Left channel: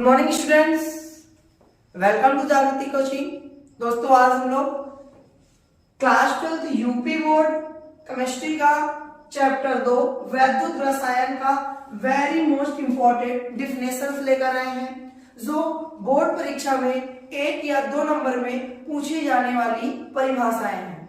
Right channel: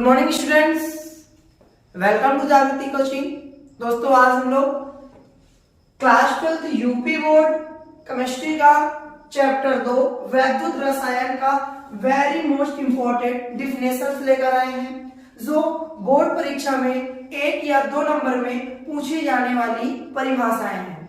Good morning students, welcome to Jagriti coaching. दोस्तों आज हम लोग क्लास 12 यूपी बोर्ड केमिस्ट्री का चैप्टर 2 वैद्युत रसायन का वेरी मोस्ट इंपॉर्टेंट डिफिनेशंस लेकर आए हैं, जो बोर्ड परीक्षा में 1 या 2 नंबर में पूछी जाने वाली परिभाषाएं हैं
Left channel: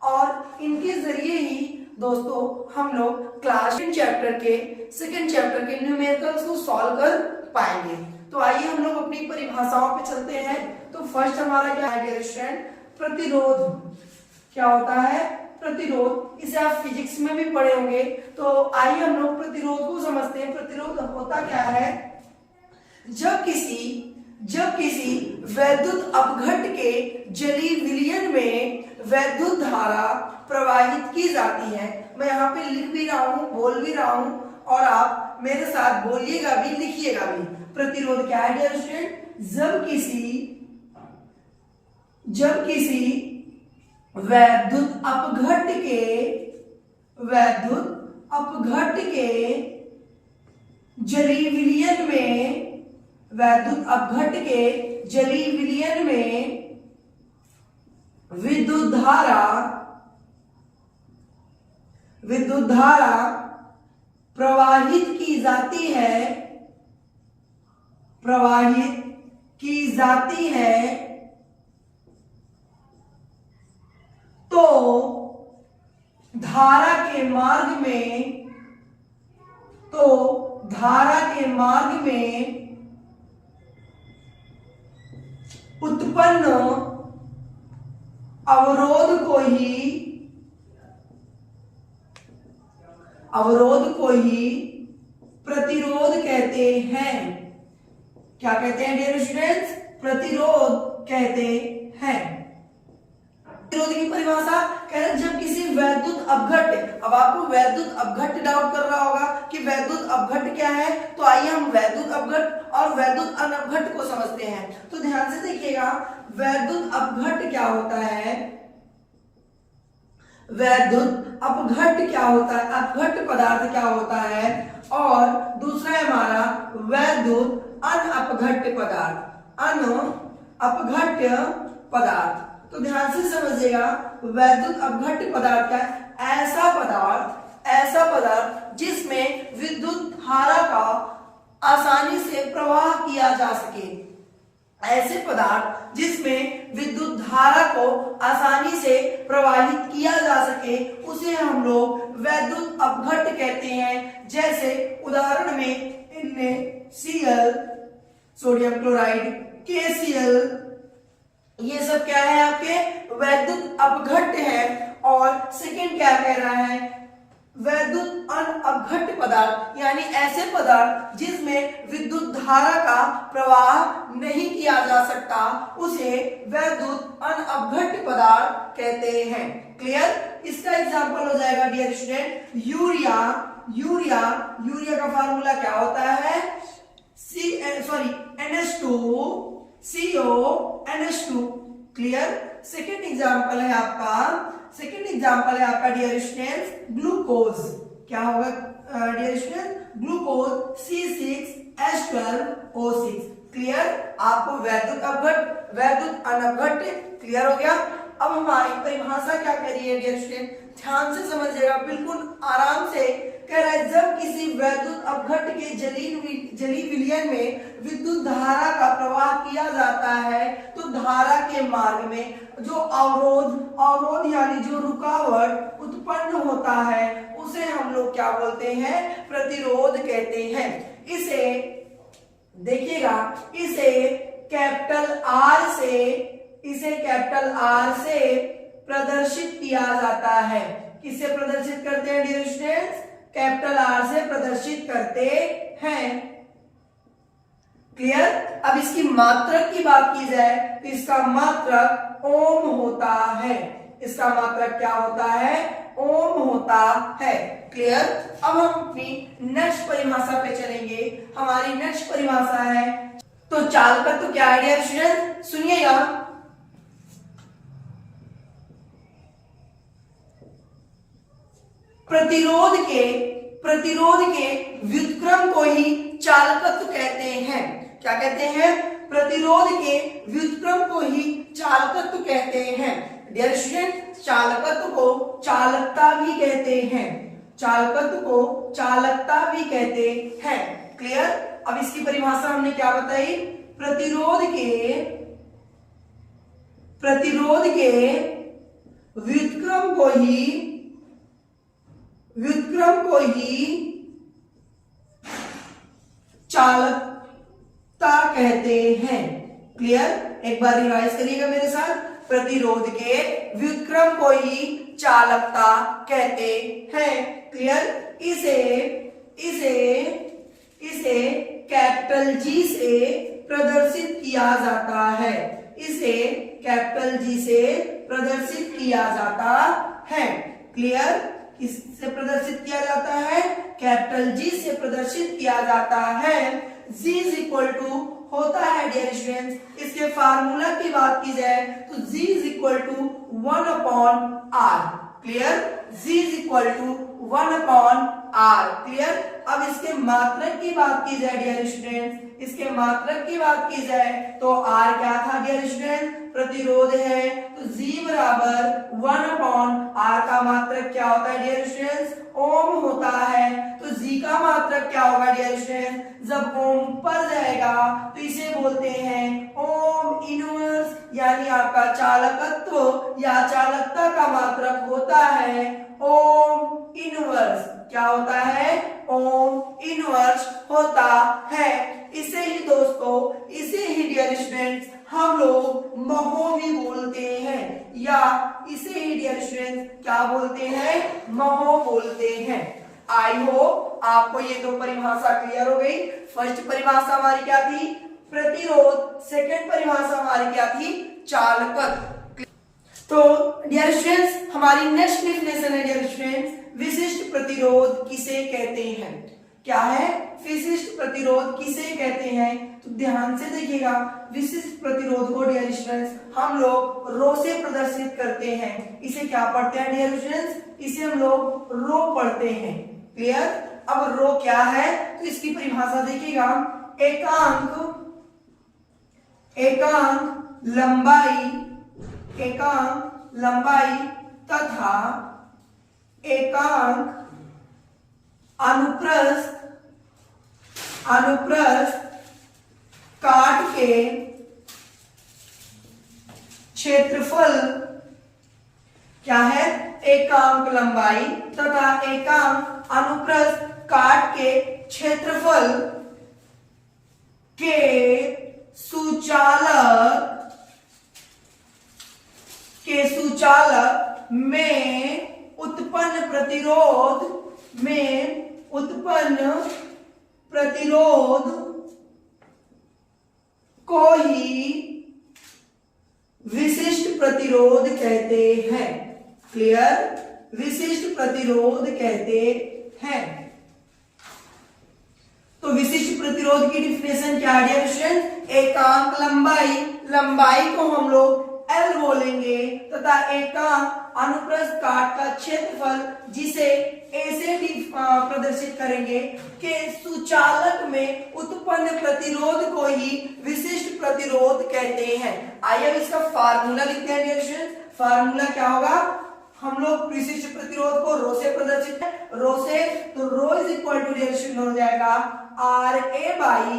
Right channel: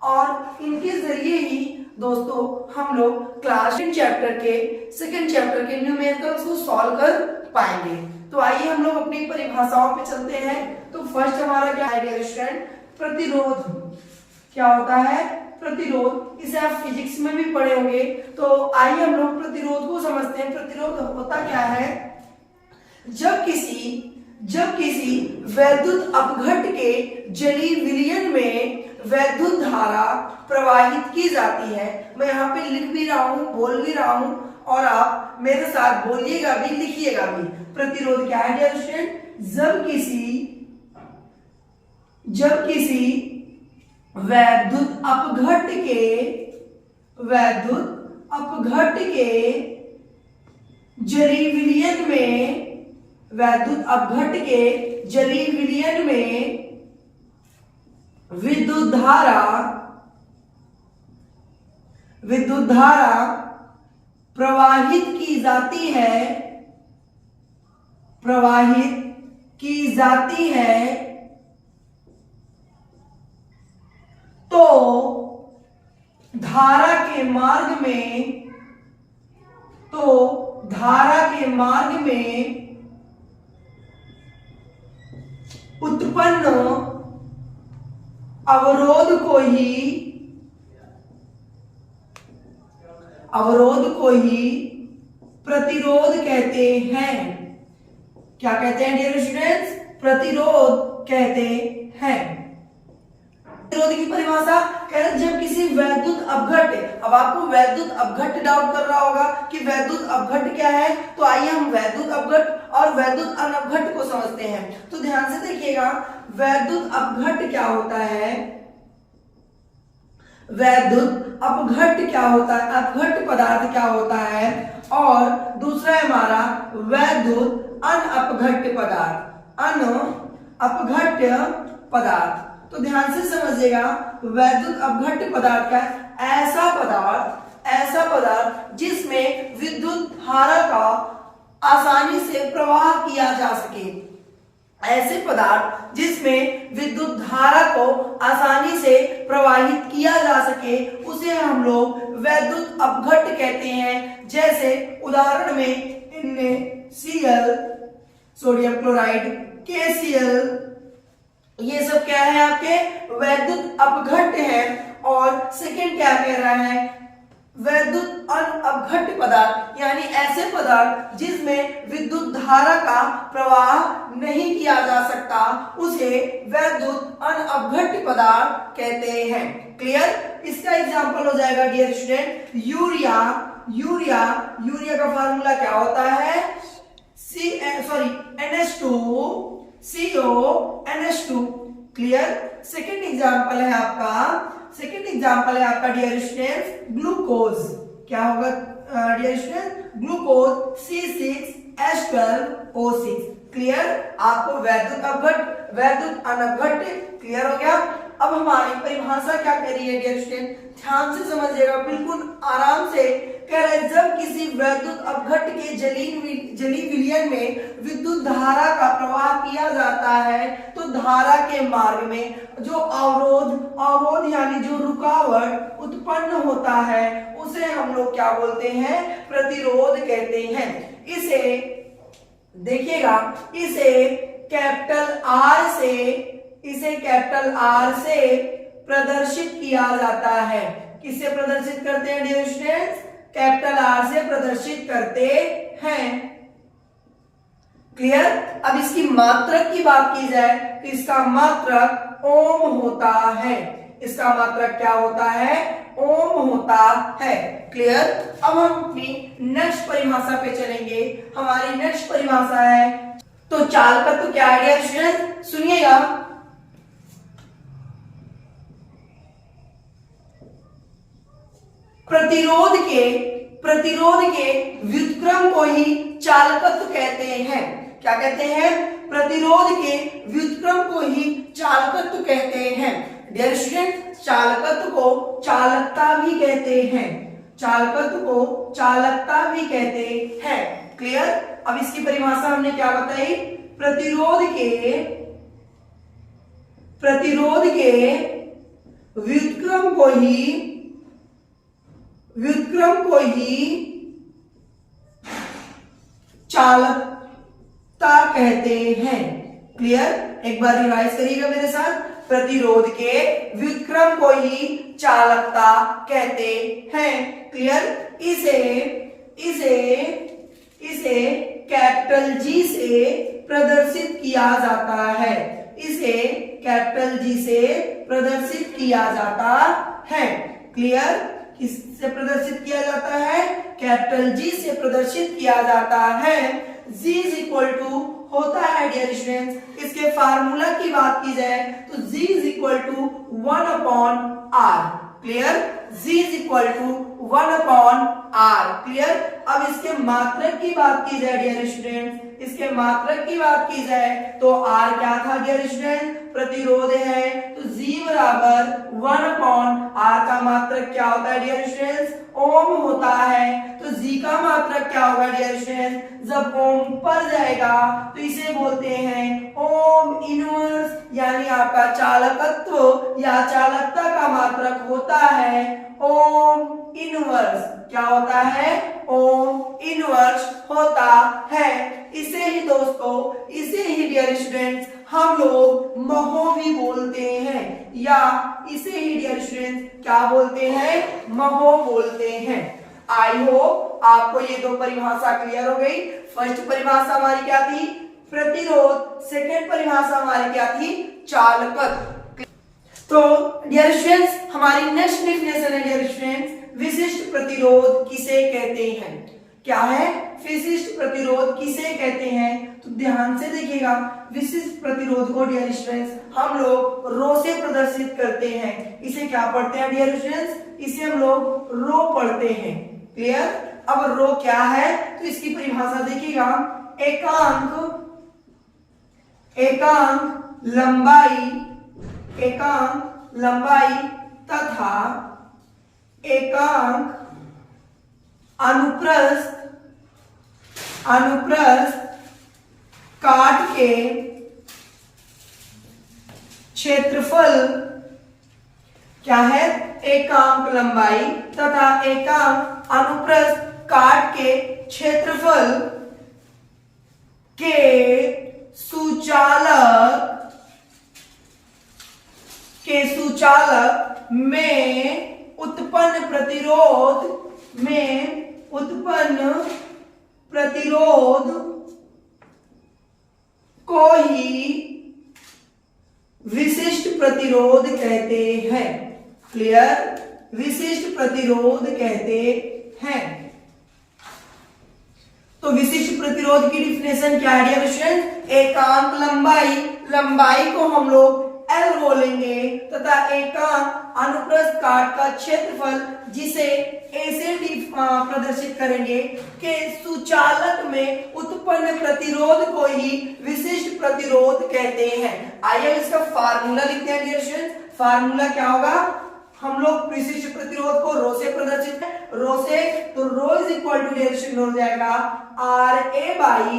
और इनके जरिए ही दोस्तों हम लोग क्लास चैप्टर के सेकेंड चैप्टर के न्यूमेरिकल्स को सॉल्व कर पाएंगे। तो आइए हम लोग अपनी परिभाषाओं पे चलते हैं। तो फर्स्ट हमारा क्या है डियर स्टूडेंट, प्रतिरोध। क्या होता है प्रतिरोध, इसे आप फिजिक्स में भी पढ़े होंगे। तो आइए हम लोग प्रतिरोध को समझते हैं। प्रतिरोध होता क्या है, जब किसी वैद्युत अपघट्ट के जली विलयन में वैद्युत धारा प्रवाहित की जाती है। मैं यहाँ पे लिख भी रहा हूँ, बोल भी रहा हूँ और आप मेरे साथ बोलिएगा भी लिखिएगा भी। प्रतिरोध क्या है डियर स्टूडेंट, जब किसी वैद्युत अपघट्ट के जली विलयन में विद्युत धारा प्रवाहित की जाती है तो धारा के मार्ग में उत्पन्न अवरोध को ही प्रतिरोध कहते हैं। क्या कहते हैं डियर स्टूडेंट्स, प्रतिरोध कहते हैं। प्रतिरोध की परिभाषा कह रहे जब किसी वैद्युत अपघट्ट, अब आपको वैद्युत अपघट्ट डाउट कर रहा होगा कि वैद्युत अपघट्ट क्या है, तो आइए हम वैद्युत अपघट्ट और वैद्युत अनपघट्ट को समझते हैं। तो ध्यान से देखिएगा, वैद्युत अपघट्ट क्या होता है, वैद्युत अपघट्ट क्या होता है, अपघट्ट पदार्थ क्या होता है, और दूसरा है हमारा वैद्युत अनअपघट्ट पदार्थ। तो ध्यान से समझिएगा, वैद्युत अपघट्ट पदार्थ क्या है, ऐसा पदार्थ जिसमें विद्युत धारा का आसानी से प्रवाह किया जा सके। ऐसे पदार्थ जिसमें विद्युत धारा को आसानी से प्रवाहित किया जा सके उसे हम लोग वैद्युत अपघट्ट कहते हैं। जैसे उदाहरण में NaCl, सोडियम क्लोराइड, KCl, ये सब क्या है आपके वैद्युत अपघट्ट है। और सेकंड क्या कह रहा है, वैद्युत अनअपघट्ट पदार्थ, यानी ऐसे पदार्थ जिसमें विद्युत धारा का प्रवाह नहीं किया जा सकता उसे वैद्युत अनअपघट्ट पदार्थ कहते हैं। क्लियर? इसका एग्जांपल हो जाएगा डियर स्टूडेंट यूरिया का फार्मूला क्या होता है, NH2CO क्लियर? सेकेंड एग्जांपल है आपका डियर स्टूडेंट ग्लूकोज। क्या होगा dear student, glucose C6H12O6। Clear? आपको वैद्युत अपघट्ट वैद्युत अनपघट्ट क्लियर हो गया। अब हमारी परिभाषा क्या कर रही है डियर स्टूडेंट, ध्यान से समझिएगा, बिल्कुल आराम से कह रहा है जब किसी वैद्युत अपघट्ट के जली विलयन में विद्युत धारा का प्रवाह किया जाता है तो धारा के मार्ग में जो अवरोध यानी जो रुकावट उत्पन्न होता है उसे हम लोग क्या बोलते हैं, प्रतिरोध कहते हैं। इसे देखिएगा, इसे कैपिटल R से प्रदर्शित किया जाता है। किससे प्रदर्शित करते हैं डियर स्टूडेंट्स, कैपिटल R से प्रदर्शित करते हैं। क्लियर? अब इसकी मात्रक की बात की जाए तो इसका मात्रक ओम होता है। इसका मात्रक क्या होता है, ओम होता है। क्लियर? अब हम अपनी नेक्स्ट परिभाषा पे चलेंगे। हमारी नेक्स्ट परिभाषा है, तो चालकत्व क्या है डियर स्टूडेंट, सुनिएगा। प्रतिरोध के व्युत्क्रम को ही चालकत्व कहते हैं। क्या कहते हैं? प्रतिरोध के व्युत्क्रम को ही चालकत्व कहते हैं। डियर स्टूडेंट, चालकत्व को चालकता भी कहते हैं, चालकत्व को चालकता भी कहते हैं। क्लियर? अब इसकी परिभाषा हमने क्या बताई? प्रतिरोध के व्युत्क्रम को ही चालकता कहते हैं। क्लियर? एक बार रिवाइज करिएगा मेरे साथ। प्रतिरोध के व्युत्क्रम को ही चालकता कहते हैं। क्लियर? इसे कैपिटल जी से प्रदर्शित किया जाता है। इसे कैपिटल जी से प्रदर्शित किया जाता है। क्लियर? किससे प्रदर्शित किया जाता है? कैपिटल जी से प्रदर्शित किया जाता है। G इज इक्वल टू होता है डियर स्टूडेंट्स, इसके फार्मूला की बात की जाए तो G is equal to 1/r। Clear? G is equal to 1/r। Clear? अब इसके मात्रक की बात की जाए डियर स्टूडेंट्स, इसके मात्रक की बात की जाए तो R क्या था डियर स्टूडेंट? प्रतिरोध है, तो G बराबर 1/r का मात्रक क्या होता है डियर स्टूडेंट्स? ओम होता है। तो G का मात्रक क्या होगा डियर स्टूडेंट्स? जब ओम पर जाएगा तो इसे बोलते हैं ओम इनवर्स, यानी आपका चालकत्व या चालकता का मात्रक होता है ओम इनवर्स। क्या होता है? ओम इनवर्स होता है। इसे ही दोस्तों, इसे ही डियर स्टूडेंट्स हम लोग महो भी बोलते हैं, या इसे ही डियर स्टूडेंट्स क्या बोलते हैं? महो बोलते हैं। आई होप आपको ये दो परिभाषा क्लियर हो गई। फर्स्ट परिभाषा हमारी क्या थी? प्रतिरोध। सेकंड परिभाषा हमारी क्या थी? चालकत्व। तो डियर स्टूडेंट्स, हमारी नेक्स्ट डेफिनेशन है डियर स्टूडेंट्स, विशिष्ट प्रतिरोध किसे कहते हैं? क्या है? विशिष्ट प्रतिरोध किसे कहते हैं? तो ध्यान से देखिएगा, विशिष्ट प्रतिरोध को डियर स्टूडेंट्स हम लोग रो से प्रदर्शित करते हैं। इसे क्या पढ़ते हैं डियर स्टूडेंट्स? इसे हम लोग रो पढ़ते हैं। क्लियर? अब रो क्या है तो इसकी परिभाषा देखिएगा, एकांक लंबाई तथा एकांक अनुप्रस्थ काट के क्षेत्रफल क्या है? एकांक लंबाई तथा एकांक अनुप्रस्थ काट के क्षेत्रफल के सुचालक में उत्पन्न प्रतिरोध को ही विशिष्ट प्रतिरोध कहते हैं। क्लियर? विशिष्ट प्रतिरोध कहते हैं। तो विशिष्ट प्रतिरोध की डिफिनेशन क्या है डियर स्टूडेंट? एकांक लंबाई को हम लोग L बोलेंगे तथा एकांक अनुप्रस्थ काट का क्षेत्रफल जिसे ऐसे प्रदर्शित करेंगे कि सुचालक में उत्पन्न प्रतिरोध को ही विशिष्ट प्रतिरोध कहते हैं। आइए इसका फार्मूला लिखते हैं डियर स्टूडेंट। फार्मूला क्या होगा? हम लोग विशिष्ट प्रतिरोध को रो से प्रदर्शित है, रो से, तो rho is equal to dear student हो जाएगा RA बाई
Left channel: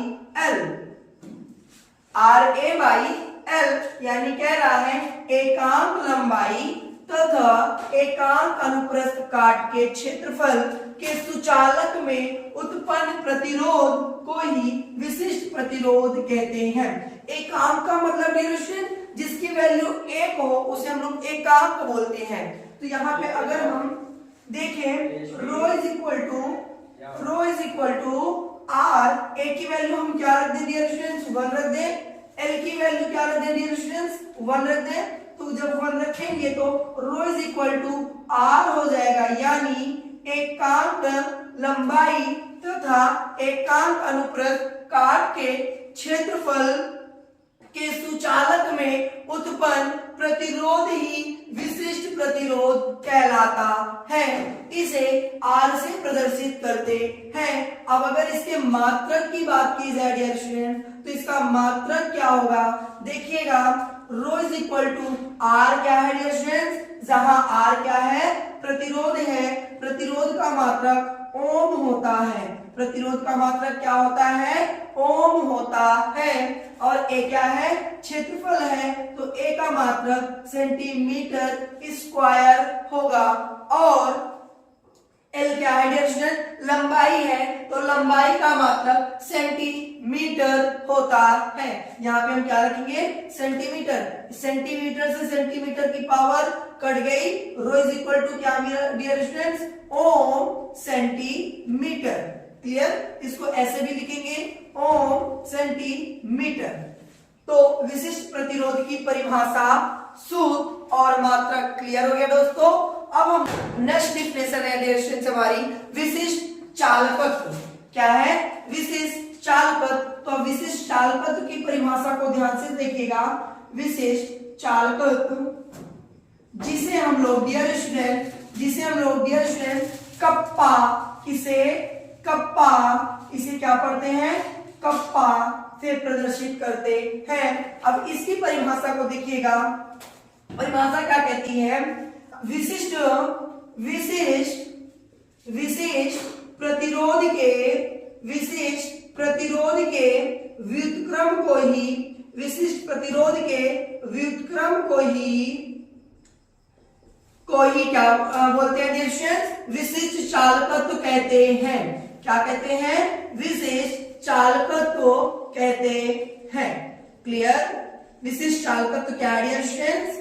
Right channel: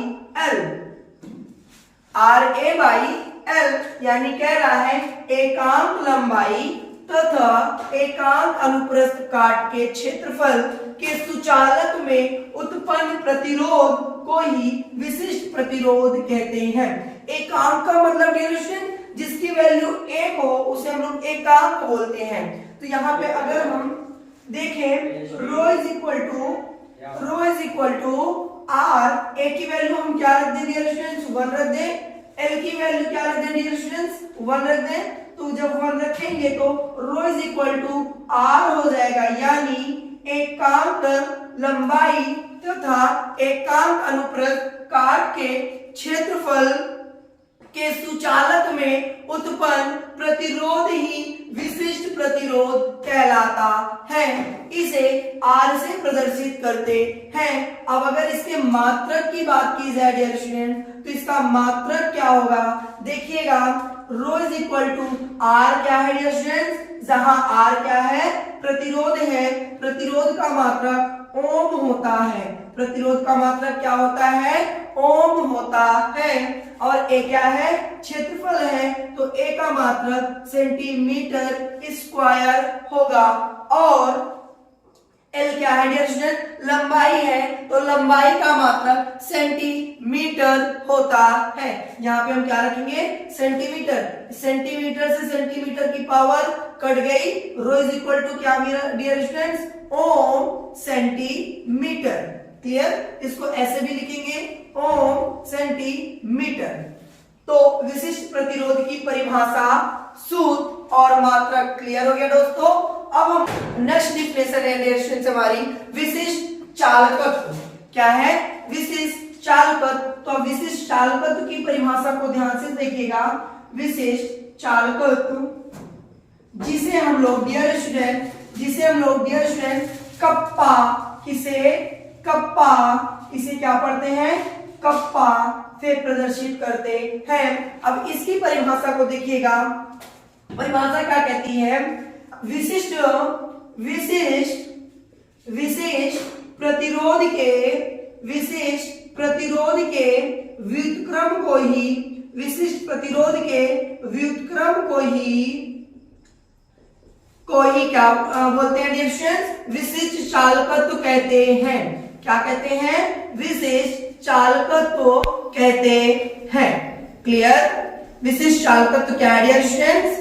L, यानी कह रहा है एकांक लंबाई तथा एकांक अनुप्रस्थ काट के क्षेत्रफल के सुचालक में उत्पन्न प्रतिरोध को ही विशिष्ट प्रतिरोध कहते हैं। एकांक का मतलब डियर स्टूडेंट जिसकी वैल्यू 1 हो उसे हम लोग एकांक बोलते हैं। तो यहाँ पे अगर हम देखें रो इज इक्वल टू R, ए की वैल्यू हम क्या रख दें डियर स्टूडेंट्स? 1 रख दें। L की वैल्यू क्या रख दें डियर स्टूडेंट्स? 1 रख दें। तो जब 1 रखेंगे तो rho is equal to R हो जाएगा, यानी एकांक लंबाई तथा एकांक अनुप्रस्थ काट के क्षेत्रफल के सुचालक में उत्पन्न प्रतिरोध ही विशिष्ट प्रतिरोध कहलाता है। इसे R से प्रदर्शित करते हैं। अब अगर इसके मात्रक की बात की जाए डियर स्टूडेंट, तो इसका मात्रक क्या होगा, देखिएगा रो इज इक्वल टू आर क्या है डियर स्टूडेंट, जहां आर क्या है, प्रतिरोध है, प्रतिरोध का मात्रक ओम होता है, प्रतिरोध का मात्रक क्या होता है, ओम होता है। और ए क्या है, क्षेत्रफल है, तो ए का मात्रक सेंटीमीटर स्क्वायर होगा। और एल क्या है डियर स्टूडेंट, लंबाई है, तो लंबाई का मात्रक सेंटीमीटर होता है। यहाँ पे हम क्या रखेंगे, सेंटीमीटर, सेंटीमीटर से सेंटीमीटर की पावर कट गई, रो इज इक्वल टू क्या डियर स्टूडेंट्स, ओम सेंटीमीटर। क्लियर, इसको ऐसे भी लिखेंगे ओम सेंटीमीटर। तो विशिष्ट प्रतिरोध की परिभाषा, सूत्र और मात्रक क्लियर हो गया दोस्तों। अब हम नेक्स्ट डिफिनेशन है डियर स्टूडेंट्स हमारी विशिष्ट चालकत्व। क्या है, विशिष्ट चालकत्व। तो विशिष्ट चालकत्व की परिभाषा को ध्यान से देखिएगा। विशिष्ट चालकत्व जिसे हम लोग डियर स्टूडेंट, कप्पा, इसे क्या पढ़ते हैं, कप्पा से प्रदर्शित करते हैं। अब इसकी परिभाषा को देखिएगा, परिभाषा क्या कहती है, विशिष्ट प्रतिरोध के व्युत्क्रम को ही, विशिष्ट प्रतिरोध के व्युत्क्रम को ही क्या बोलते हैं डियर स्टूडेंट्स, विशिष्ट चालकत्व कहते हैं। क्या कहते हैं, विशिष्ट चालकत्व कहते हैं। क्लियर, विशिष्ट चालकत्व क्या है डियर स्टूडेंट्स,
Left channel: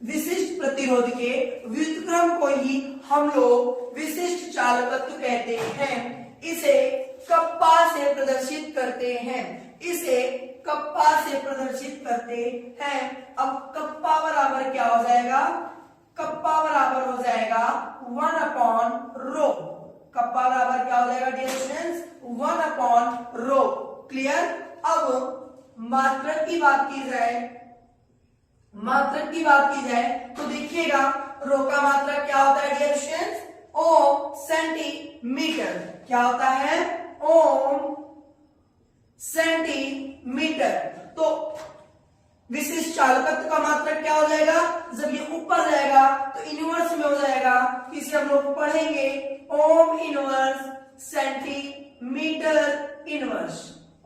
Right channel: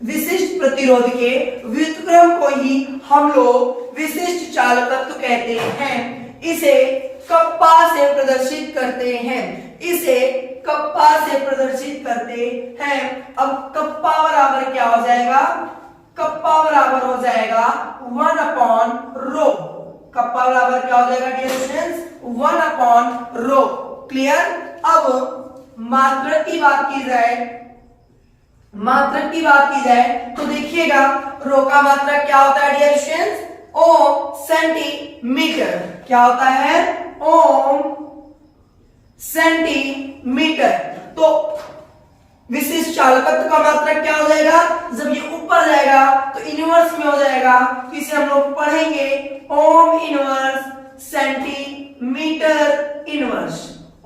विशिष्ट प्रतिरोध के व्युत्क्रम को ही हम लोग विशिष्ट चालकत्व कहते हैं। इसे कप्पा से प्रदर्शित करते हैं, इसे कप्पा से प्रदर्शित करते हैं। अब कप्पा बराबर क्या हो जाएगा, कप्पा बराबर हो जाएगा 1 अपॉन रो। कप्पा बराबर क्या हो जाएगा dear students, 1 upon rho. Clear. अब मात्रक की बात की जाए, तो देखिएगा रो का मात्रक क्या होता है डियर स्टूडेंट्स, ओम सेंटीमीटर। क्या होता है, ओम सेंटीमीटर। तो विशिष्ट चालकत्व का मात्रक क्या हो जाएगा, जब ये ऊपर जाएगा तो इनवर्स में हो जाएगा, तो इसे हम लोग पढ़ेंगे ohm inverse centimetre inverse,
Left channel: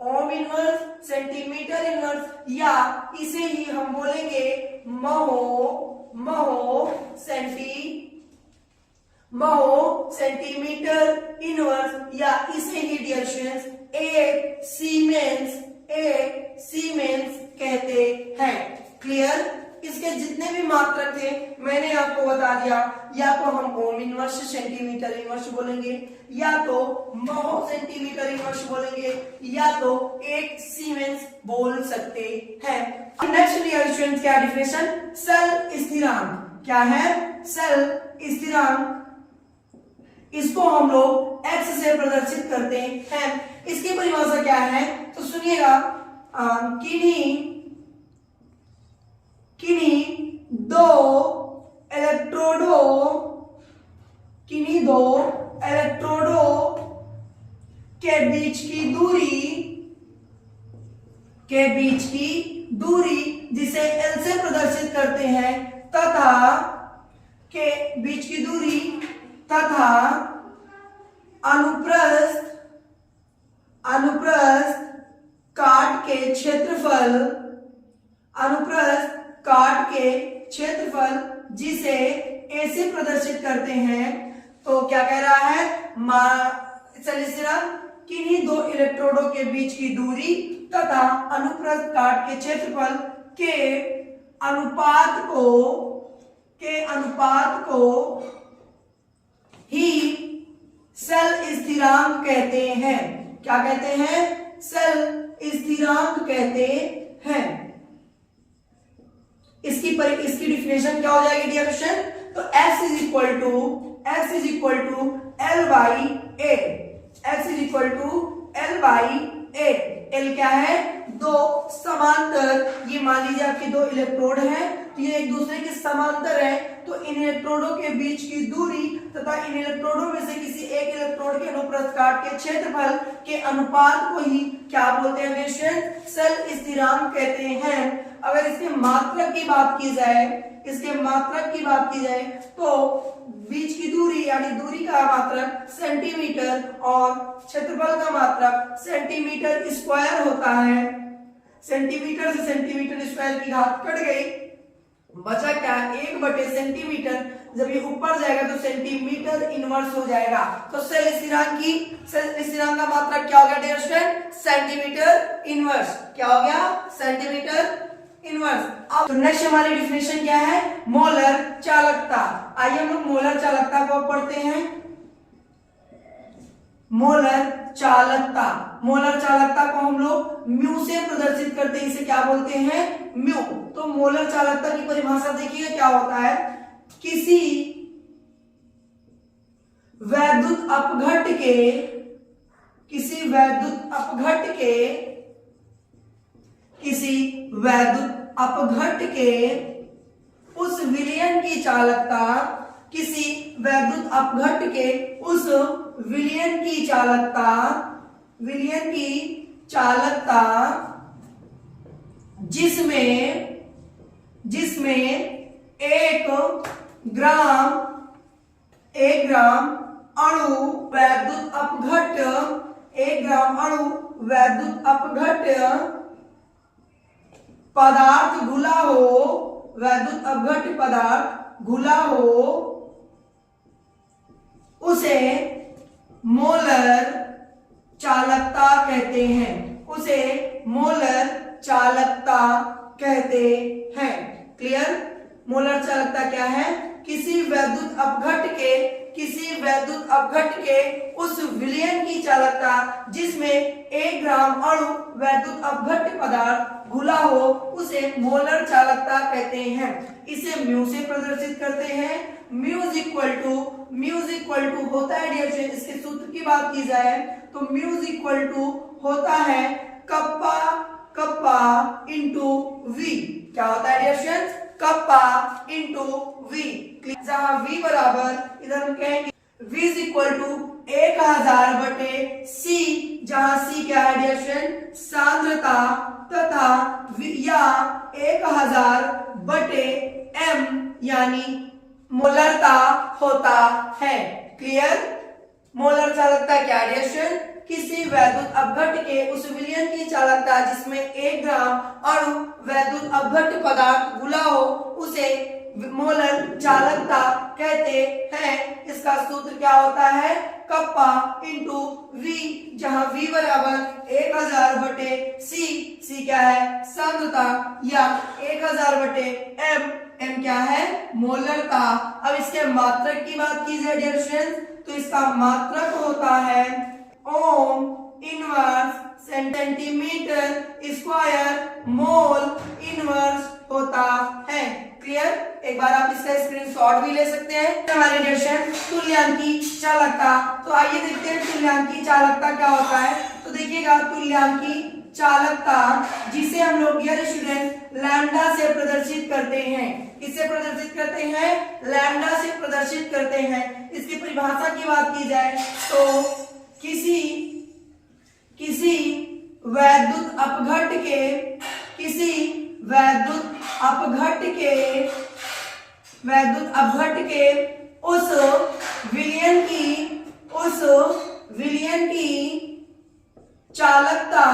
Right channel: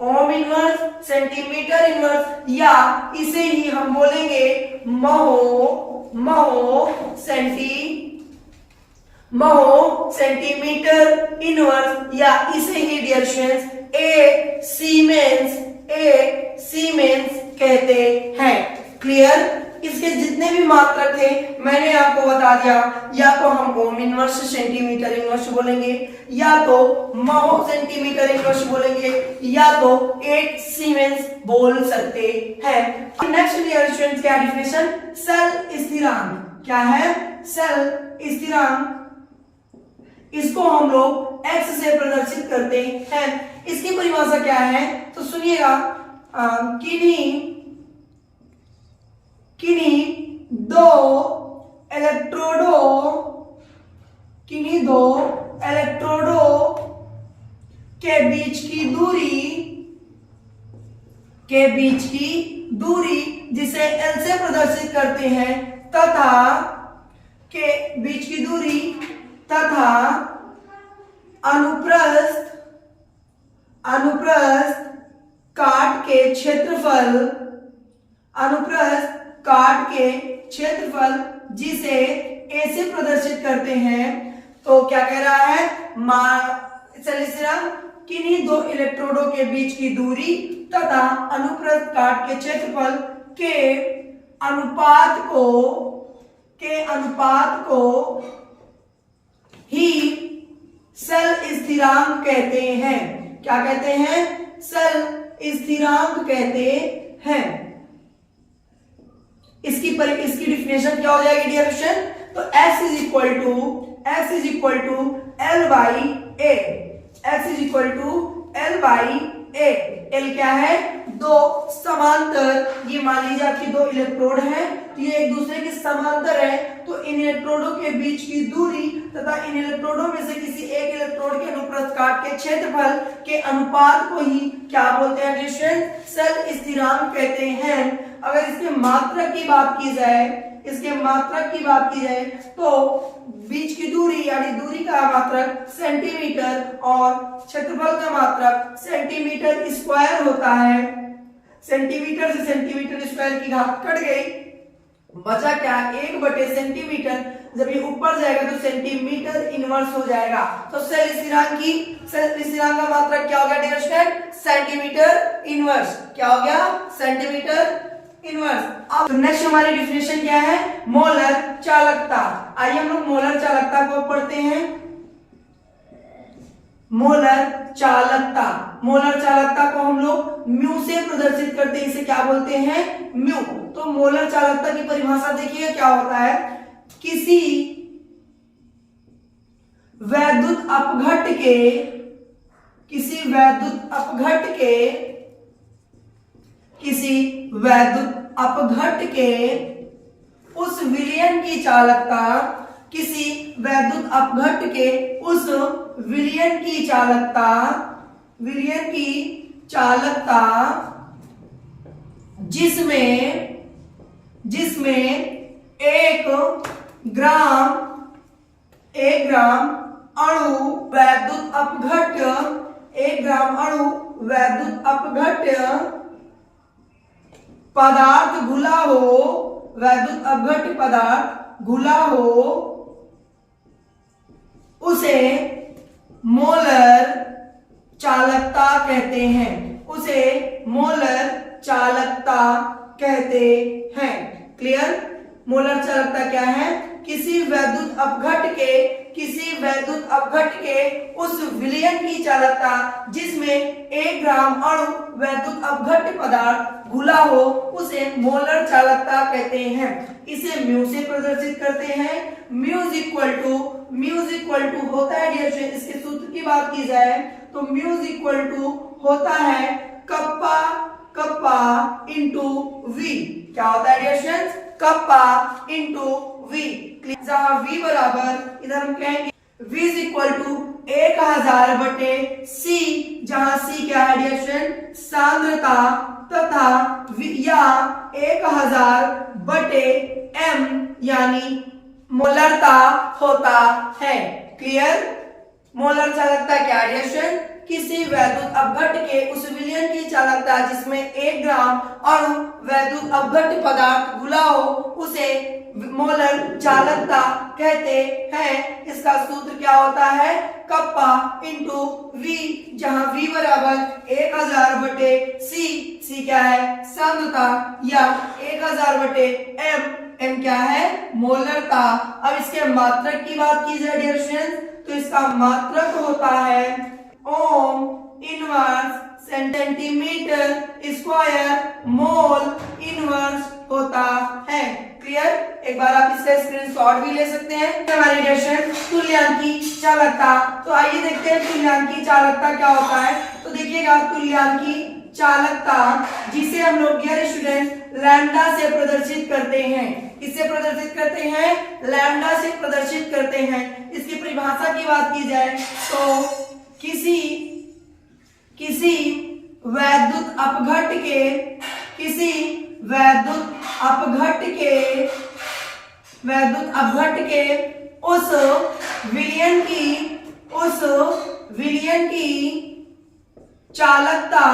ohm inverse centimetre inverse, या इसे ही हम बोलेंगे महो सेंटीमीटर इनवर्स, या इसे ही डियर स्टूडेंट्स एक सीमेंस कहते हैं। क्लियर। इसके जितने भी मात्रक थे मैंने आपको बता दिया, या तो हम ओम इनवर्स सेंटीमीटर इनवर्स बोलेंगे, या तो महो सेंटीमीटर इनवर्स बोलेंगे, या तो एक सीमेंस बोल सकते हैं। नेक्स्ट डियर स्टूडेंट्स क्या डिफिनेशन, सेल स्थिरांक। क्या है, सेल स्थिरांक, इसको हम लोग x से प्रदर्शित करते हैं। इसकी परिभाषा क्या है, तो सुनिएगा, किन्हीं दो इलेक्ट्रोडों के बीच की दूरी जिसे L से प्रदर्शित करते हैं, तथा के बीच की दूरी तथा अनुप्रस्थ काट के क्षेत्रफल जिसे A से प्रदर्शित करते हैं। तो क्या कह रहा है, किन्हीं दो इलेक्ट्रोडों के बीच की दूरी तथा अनुप्रस्थ काट के क्षेत्रफल के अनुपात को ही सेल स्थिरांक कहते हैं। क्या कहते हैं, सेल स्थिरांक कहते हैं। इसकी डिफिनेशन क्या हो जाएगी डियर स्टूडेंट, तो S is equal to L by A। x is equal to L by A. L क्या है? दो समांतर, ये मान लीजिए आपके दो इलेक्ट्रोड हैं, तो ये एक दूसरे के समांतर है, तो इन इलेक्ट्रोडों के बीच की दूरी तथा इन इलेक्ट्रोडों में से किसी एक इलेक्ट्रोड के अनुप्रस्थ काट के क्षेत्रफल के अनुपात को ही क्या बोलते हैं रिलेशन? सल स्थिरांक कहते हैं। अगर इसके मात्रक की बात की जाए, इसके मात्रक की बात की जाए तो बीच की दूरी यानी दूरी का मात्रक सेंटीमीटर और क्षेत्रफल का मात्रक सेंटीमीटर स्क्वायर होता है। सेंटीमीटर से सेंटीमीटर स्क्वायर की घात कट गई, बचा क्या? 1/सेंटीमीटर। जब ये ऊपर जाएगा तो सेंटीमीटर इनवर्स हो जाएगा। तो सल स्थिरांक का मात्रक क्या होगा डियर स्टूडेंट? Centimetre inverse. क्या हो गया? Centimetre inverse. अब तो नेक्स्ट हमारी डिफिनेशन क्या है? मोलर चालकता। आइए हम लोग मोलर चालकता को पढ़ते हैं। मोलर चालकता, मोलर चालकता को हम लोग म्यू से प्रदर्शित करते हैं, इसे क्या बोलते हैं? म्यू। तो मोलर चालकता की परिभाषा देखिए क्या होता है? किसी वैद्युत अपघट्ट के, किसी वैद्युत अपघट्ट के, किसी वैद्युत अपघट्ट के उस विलयन की चालकता, किसी वैद्युत अपघट्ट के उस विलयन की चालकता, विलयन की चालकता जिसमें एक ग्राम अणु वैद्युत अपघट्ट, 1 ग्राम अणु वैद्युत अपघट्ट पदार्थ घुला हो, वैद्युत अपघट्ट पदार्थ घुला हो, उसे मोलर चालकता कहते हैं, उसे मोलर चालकता कहते हैं। क्लियर? मोलर चालकता क्या है? किसी वैद्युत अपघट्ट के, किसी वैद्युत अपघट्ट के उस विलयन की चालकता जिसमें 1 ग्राम अणु वैद्युत अपघट्ट पदार्थ घुला हो, उसे मोलर चालकता कहते हैं। इसे म्यू से प्रदर्शित करते हैं। म्यू इज इक्वल टू होता है डियर स्टूडेंट, इसके सूत्र की बात की जाए तो म्यू इज इक्वल टू होता है कप्पा इंटू वी। क्या होता है dear student? Kappa into V. जहां v बराबर, इधर हम कहेंगे v इज इक्वल टू 1000 बटे c, जहां c क्या है डियर स्टूडेंट? सांद्रता, तथा या 1000 बटे m यानी मोलरता होता है। क्लियर? मोलर चालकता क्या है डियर स्टूडेंट? किसी वैद्युत अपघट्ट के उस विलयन की चालकता जिसमें 1 ग्राम अणु वैद्युत अपघट्ट पदार्थ घुला हो, उसे मोलर चालकता कहते हैं। इसका सूत्र क्या होता है? कप्पा इंटू वी, जहां v बराबर 1000 बटे c क्या है? सांद्रता, या 1000 बटे m क्या है? मोलरता। अब इसके मात्रक की बात की जाए डियर स्टूडेंट्स, तो इसका मात्रक होता है ohm inverse centimetre square mole inverse होता है। क्लियर? एक बार आप इससे स्क्रीनशॉट भी ले सकते हैं। वैलिडेशन तुल्यांकी चालकता। तो आइए देखते हैं तुल्यांकी चालकता क्या होता है। तो देखिएगा तुल्यांकी चालकता जिसे हम लोग डियर स्टूडेंट लैम्डा से प्रदर्शित करते हैं। किससे प्रदर्शित करते हैं? लैम्डा से प्रदर्शित करते हैं। इसकी परिभाषा की बात की जाए तो किसी वैद्युत अपघट्ट के, किसी वैद्युत अपघट्ट के उस विलयन की चालकता,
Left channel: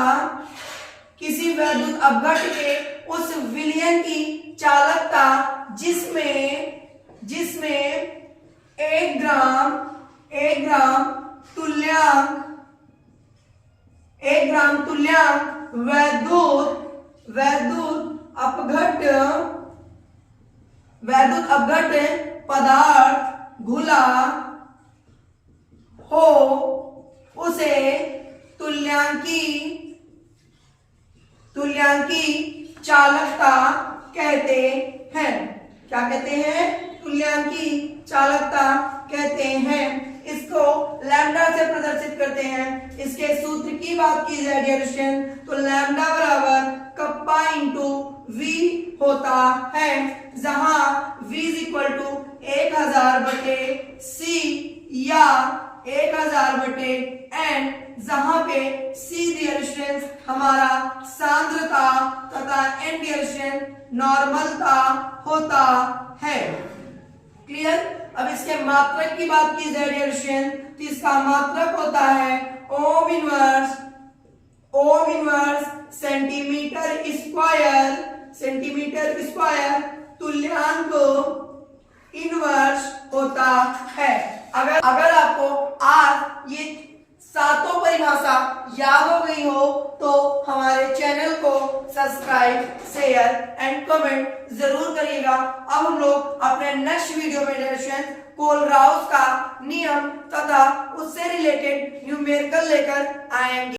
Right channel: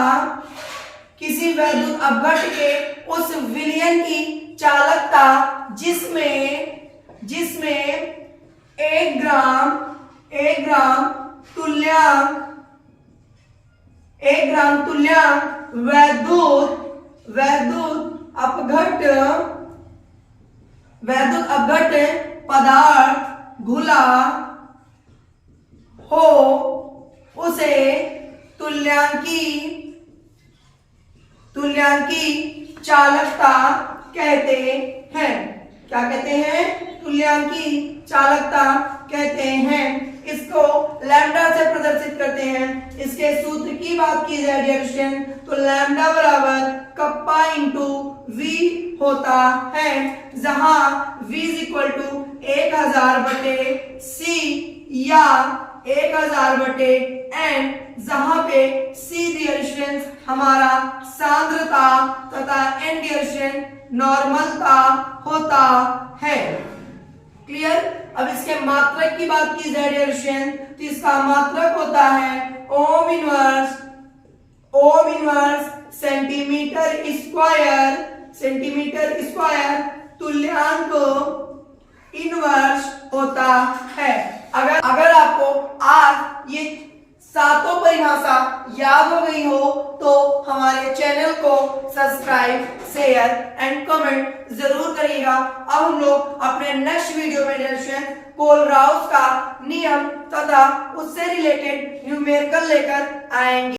किसी वैद्युत अपघट्ट के उस विलयन की चालकता जिसमें 1 ग्राम तुल्यांक वैद्युत अपघट्ट पदार्थ घुला हो, उसे तुल्यांकी चालकता कहते हैं। क्या कहते हैं? तुल्यांकी चालकता कहते हैं। इसको लैम्डा से प्रदर्शित करते हैं। इसके सूत्र की बात की जाए डियर स्टूडेंट तो लैम्डा बराबर कप्पा इंटू वी होता है, जहां v इज इक्वल टू 1000 बटे c या 1000 बटे n, जहां पे c डियर स्टूडेंट हमारा सांद्रता तथा n डियर स्टूडेंट नॉर्मलता होता है। क्लियर। अब इसके मात्रक की बात की जाए डियर स्टूडेंट तो इसका मात्रक होता है ओम इनवर्स सेंटीमीटर स्क्वायर तुल्यांक इनवर्स होता है। अगर आपको आज ये सातों परिभाषा याद हो गई हो तो हमारे चैनल को सब्सक्राइब, शेयर एंड कमेंट जरूर करिएगा। अब हम लोग अपने नेक्स्ट वीडियो में डेरिवेशन कोलराउस का नियम तथा उससे रिलेटेड न्यूमेरिकल लेकर आएंगे।